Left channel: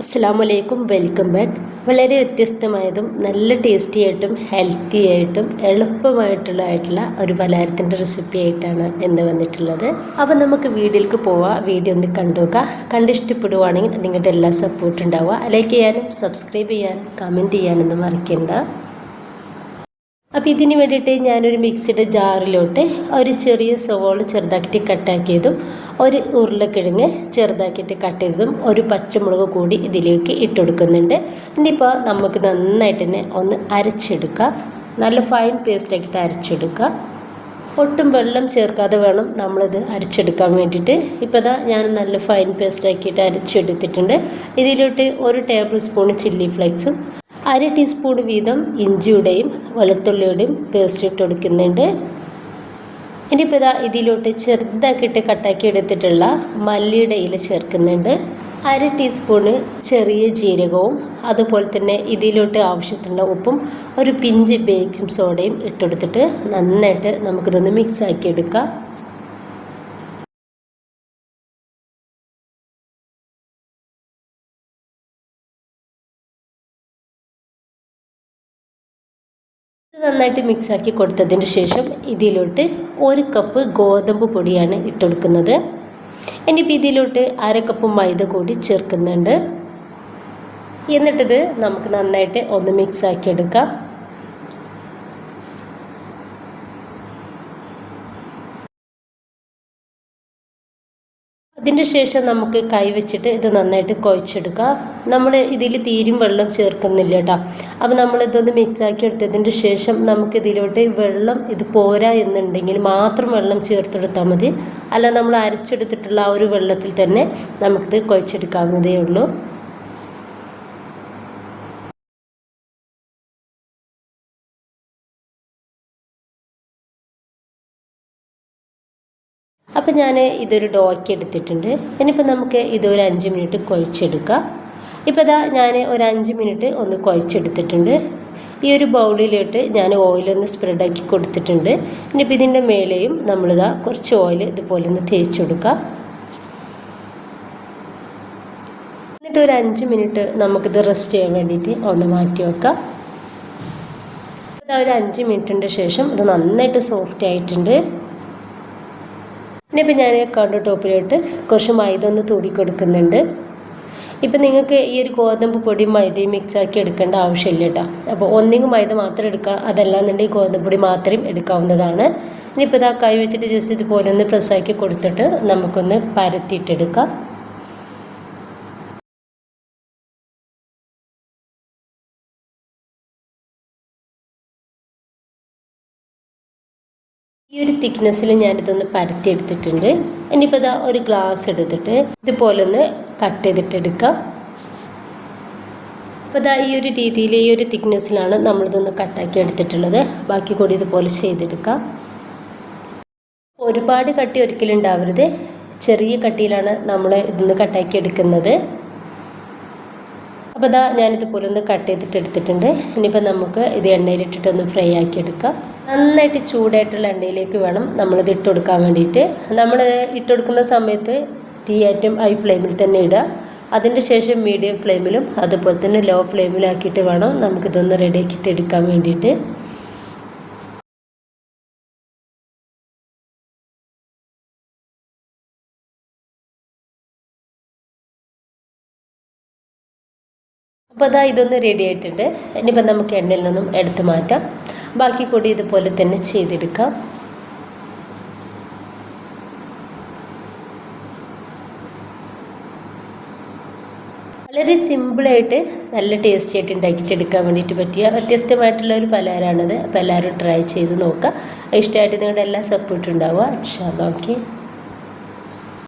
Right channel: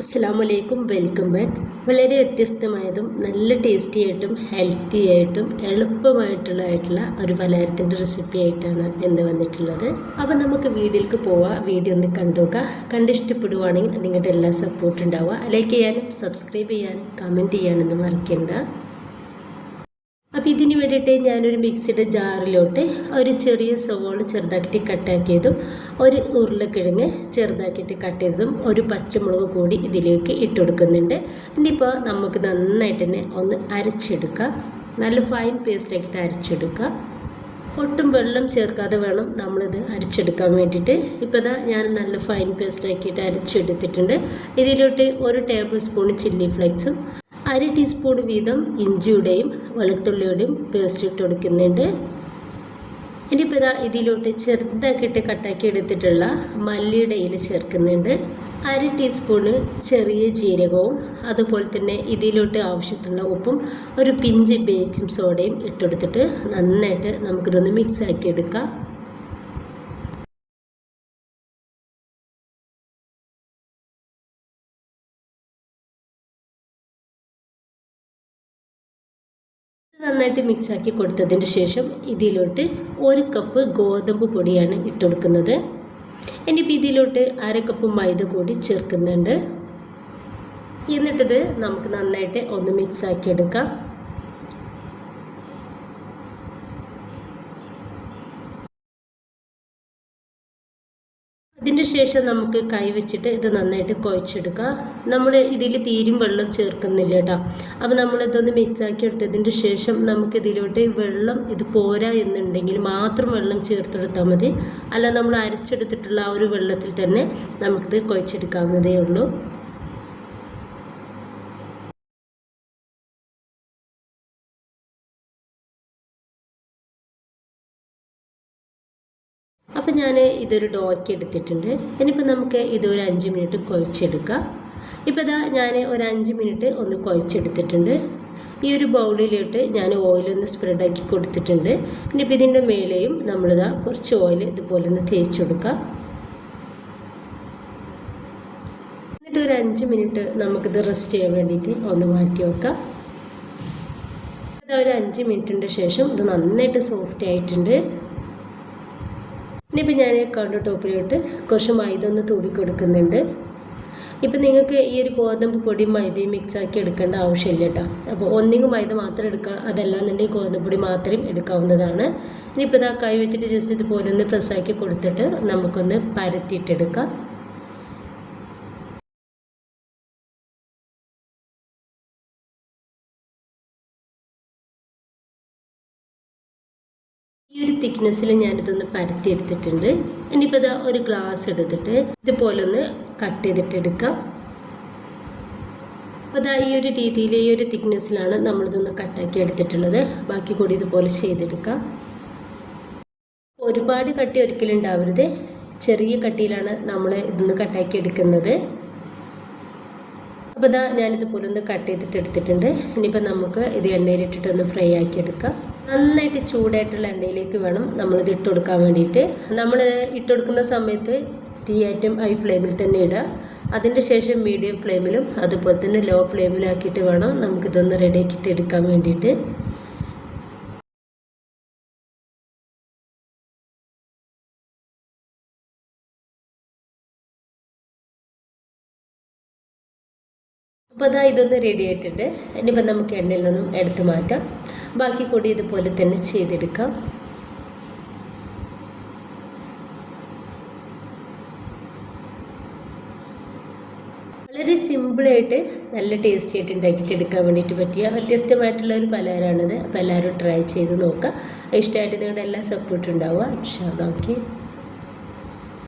അസ്സാമലൈക്കും welcome back. വളരെ വ്യത്യസ്തമായതും നല്ല ടേസ്റ്റി ആയിട്ടും ഹെൽത്തി ആയിട്ടും എളുപ്പമായിട്ടുള്ളതായിട്ടുള്ള ഒരു പലഹാരത്തിന്റെ റെസിപ്പി ആയിട്ടാണ് ഇന്ന് വന്നിട്ടുള്ളത്. അപ്പോൾ നമുക്ക് വീഡിയോയിലേക്ക് പോവാം. വീഡിയോ ഒന്ന് കണ്ടുനോക്കുക കണ്ടിഷ്ടപ്പെടുവാണെങ്കിൽ നിങ്ങളുടെ എല്ലാ സപ്പോർട്ടും ഉണ്ടാവുക. ലൈക്ക് ചെയ്യാനും സബ്സ്ക്രൈബ് ചെയ്യാനും കമന്റ് ചെയ്യാനൊന്നും മറക്കണ്ട. അപ്പോൾ ഇതിന് വേണ്ടിയിട്ട് ഞാനൊരു മിക്സിയുടെ ജാറിലോട്ട് ഒരു ചെറിയ സവോള ചെറുതാക്കിയിട്ട് കട്ടാക്കിയതും ഒരു ഉരുളക്കിഴങ്ങ് ചെറുതാക്കിയിട്ട് കട്ട് ചെയ്തതും ഒരു പച്ചമുളക് കൂടി ഇതിലേക്ക് ഇട്ട് ഇട്ടുകൊടുക്കുന്നുണ്ട് ഇനിയിപ്പോൾ നമുക്ക് നന്നായിട്ട് തന്നെ ഒന്ന് അരച്ചെടുക്കാം. നല്ല ഫൈൻ പേസ്റ്റ് ആക്കിയിട്ട് അരച്ചെടുക്കുക ഒട്ടും വെള്ളം ചേർക്കാതെ വേണം നമ്മളിത് അരച്ചെടുക്കാൻ വേണ്ടിയിട്ട്. ഇപ്പോൾ ദാ ഞാൻ നല്ല ഫൈൻ പേസ്റ്റ് ആക്കിയിട്ട് അരച്ചെടുത്തിട്ടുണ്ട്. ഇതിലോട്ട് ഒരു ടേബിൾ സ്പൂൺ ചില്ലി ഫ്ലേക്സും അര ടീസ്പൂൺ വീതം ഇഞ്ചിയുടെയും വെളുത്തുള്ളിയുടെയും പേസ്റ്റ് ഇട്ട് കൊടുക്കുന്നുണ്ട് ഇനിയിപ്പോൾ ഇതാ ഇതിലോട്ട് ചെറുതാക്കിയിട്ട് കട്ടാക്കി എടുത്തിട്ടുള്ള മല്ലിയുടെ ഇല ചേർക്കുന്നുണ്ട്. അര ടീസ്പൂണ് ചെറിയ ജീരകവും അതുപോലെ തന്നെ ഇതിലോട്ട് ആവശ്യത്തിനുള്ള ഉപ്പും ഒരു പിഞ്ച് ബേക്കിംഗ് സോഡയും ഇട്ടെടുത്തിട്ട് നന്നായിട്ട് നമുക്കിതൊന്ന് മിക്സ് ആക്കി എടുക്കാം നന്നായിട്ട് മിക്സാക്കി കൊടുത്തതിന് ശേഷം ഇതിലോട്ട് ഒരു കപ്പ് ഗോതമ്പ് പൊടിയാണ് ഇട്ടുകൊടുക്കുന്നത് ഇനിയിപ്പോൾ ഇതിലോട്ട് അര കപ്പ് മൈദ കൂടി ചേർക്കുന്നുണ്ട്. എന്നിട്ടിത് നമുക്ക് നന്നായിട്ട് ഒന്ന് മിക്സാക്കി എടുക്കാം. അതിന് ശേഷം നമുക്ക് കൈവച്ചിട്ട് ഇത് നന്നായിട്ട് കുഴച്ചെടുക്കുക. നമ്മൾ ഇതിൽ തീരും വെള്ളം ചേർക്കുന്നില്ല കേട്ടോ. അപ്പോൾ നമ്മളിതൊന്ന് മിക്സാക്കി എടുത്തതിന് ശേഷം നമുക്ക് ഇതിലോട്ട് വെള്ളം ഇത് പോരാ എന്നുണ്ടെങ്കിൽ മാത്രം വെള്ളം ചേർത്തെടുത്താൽ മതി. അല്ല നമ്മൾ അരച്ചെടുത്തിട്ടുള്ള ആ ഒരു വെള്ളത്തിൽ തന്നെ നമുക്കിത് കുഴച്ചെടുക്കാവുന്നതേ ഉള്ളൂ. അപ്പോൾ ഞാൻ ഇതൊരു ഡോയ്ക്ക് എടുത്തിട്ടുണ്ട്. ഇനിയിപ്പോൾ നമുക്ക് ഇതൊരു അഞ്ച് മിനിറ്റ് കുഴച്ചെടുക്കാം. ഇപ്പോൾ ഇതാ ഞാൻ ഒരു അഞ്ച് മിനിറ്റ് ഒന്ന് കുഴച്ചെടുത്തിട്ടുണ്ട്. ഈ ഒരു ബൗളിലോട്ട് ഞാൻ ഓയിലൊന്ന് സ്പ്രെഡാക്കി കൊടുത്തിട്ടുണ്ട്. ഇനിയിപ്പോൾ ഇതിന്റെ മേലെയും നമ്മളിതാ കുറച്ച് ഓയിൽ ഇതുപോലെ ഒന്ന് തേച്ച് കൊടുക്കാം. എന്നിട്ട് ഒരു അഞ്ച് മിനിറ്റ് നമുക്കിത് റെസ്റ്റ് ചെയ്യാൻ വേണ്ടിയിട്ട് ഒന്ന് മാറ്റി വെക്കാം. ഒരു അഞ്ച് മിനിറ്റിന്റെ ശേഷം ഇത് നന്നായിട്ട് സോഫ്റ്റ് ആയിട്ടുണ്ട്. ഇനിയിപ്പോൾ ഞാൻ കൗണ്ടർ ടോപ്പിലോട്ട് കുറച്ച് മൈദ ഒന്ന് തൂടി കൊടുക്കുന്നുണ്ട്. ഇപ്പം നിങ്ങൾക്ക് ഈ ഒരു ഗോതമ്പ് പൊടിയും മൈദയും മിക്സ് ആക്കി എടുക്കേണ്ട ആവശ്യമില്ല കേട്ടോ. അപ്പോൾ ഒന്നിങ്ങ് മൈദ മാത്രം എടുക്കുക അതല്ലാന്നുണ്ടെങ്കിൽ ഗോതമ്പ് പൊടി മാത്രം എടുക്കാവുന്നതാണ്. ഇനിയിപ്പോൾ ഇതാ കൈ വെച്ചിട്ട് ജസ്റ്റ് ഇതുപോലെ ഒന്ന് പ്രസ്സാക്കി കൊടുത്തിട്ട് നമുക്കൊന്ന് പരത്തിയിട്ടെടുക്കാം. ഈ ഒരു തിക്നെസ്സിൽ ഞാനിതൊന്ന് പരത്തിയെടുത്തിട്ടുണ്ട്. ഇനിയിപ്പോൾ ഇതാ ഒരു ഗ്ലാസ് എടുത്തിട്ട് ഇതുപോലെ ഒന്ന് കട്ട് ചെയ്തിട്ട് എടുക്കാം അപ്പോൾ ഇതാ ഈ ഒരു രീതിയിൽ ഈ ഒരു തിക്നെസ്സിലാണ് നമ്മളിതൊന്ന് കട്ടാക്കി എടുത്തിട്ടുള്ളത്. ബാക്കി കൂടി ഇതുപോലെ ചെയ്തെടുക്കാം. ഒരുപാട് കട്ടി ഒരിക്കലും ഉണ്ടാവരുത്. ചെറിയ കട്ടിയിലാണ് നമ്മൾ ഇതൊന്ന് കട്ടാക്കി എടുക്കുന്നത്. അപ്പോൾ ഇതാ ഞാനിതുപോലെ ഒന്ന് കട്ട് ചെയ്തിട്ട് എടുത്തിട്ടുണ്ട് ഇനിയിപ്പോൾ നമുക്ക് ഇത് എണ്ണയിലിട്ടിട്ടൊന്ന് ഫ്രൈ ആക്കി എടുക്കാം. നന്നായിട്ട് ചൂടായിട്ടുള്ള എണ്ണയിലേക്ക് വേണം നമ്മളിത് ഇട്ട് കൊടുക്കാൻ വേണ്ടിയിട്ട്. നമ്മൾ ഇട്ട് കൊടുക്കുന്ന സമയത്ത് തീ ആറ്റം ഹൈ ഫ്ലെയിമിൽ തന്നെ ഇടുക. അതിന്റെ ശേഷം മീഡിയം ഫ്ലെയിമിലും അതുപോലെ തന്നെ ലോ ഫ്ലെയിമിലാക്കിയിട്ട് വേണം നമുക്കിതൊന്ന് റെഡിയാക്കിയിട്ട് എടുക്കാൻ വേണ്ടിയിട്ട്. അപ്പോൾ അതാ ഇതൊന്ന് റെഡി ആയിട്ടുണ്ട്. ഇനിയിപ്പോൾ നമുക്ക് എണ്ണയിൽ നിന്നും എടുത്തു മാറ്റാം. ബാക്കി കൂടി ഇതുപോലെ തന്നെ ചെയ്തെടുക്കാം. വളരെ സിമ്പിളായിട്ട് നല്ല ടേസ്റ്റി ആയിട്ട് ഉണ്ടാക്കിയിട്ടെടുക്കാൻ വേണ്ടിയിട്ട് പറ്റിയ വ്യത്യസ്തമായിട്ടുള്ള ഒരു പലഹാരമാണത്. അപ്പോൾ എല്ലാവരും ട്രൈ ചെയ്ത് നോക്കുക. ഇഷ്ടമായിട്ട് നിങ്ങളുടെ എല്ലാ സപ്പോർട്ടും ഉണ്ടാവുക. ഇൻഷാ ഓക്കെ.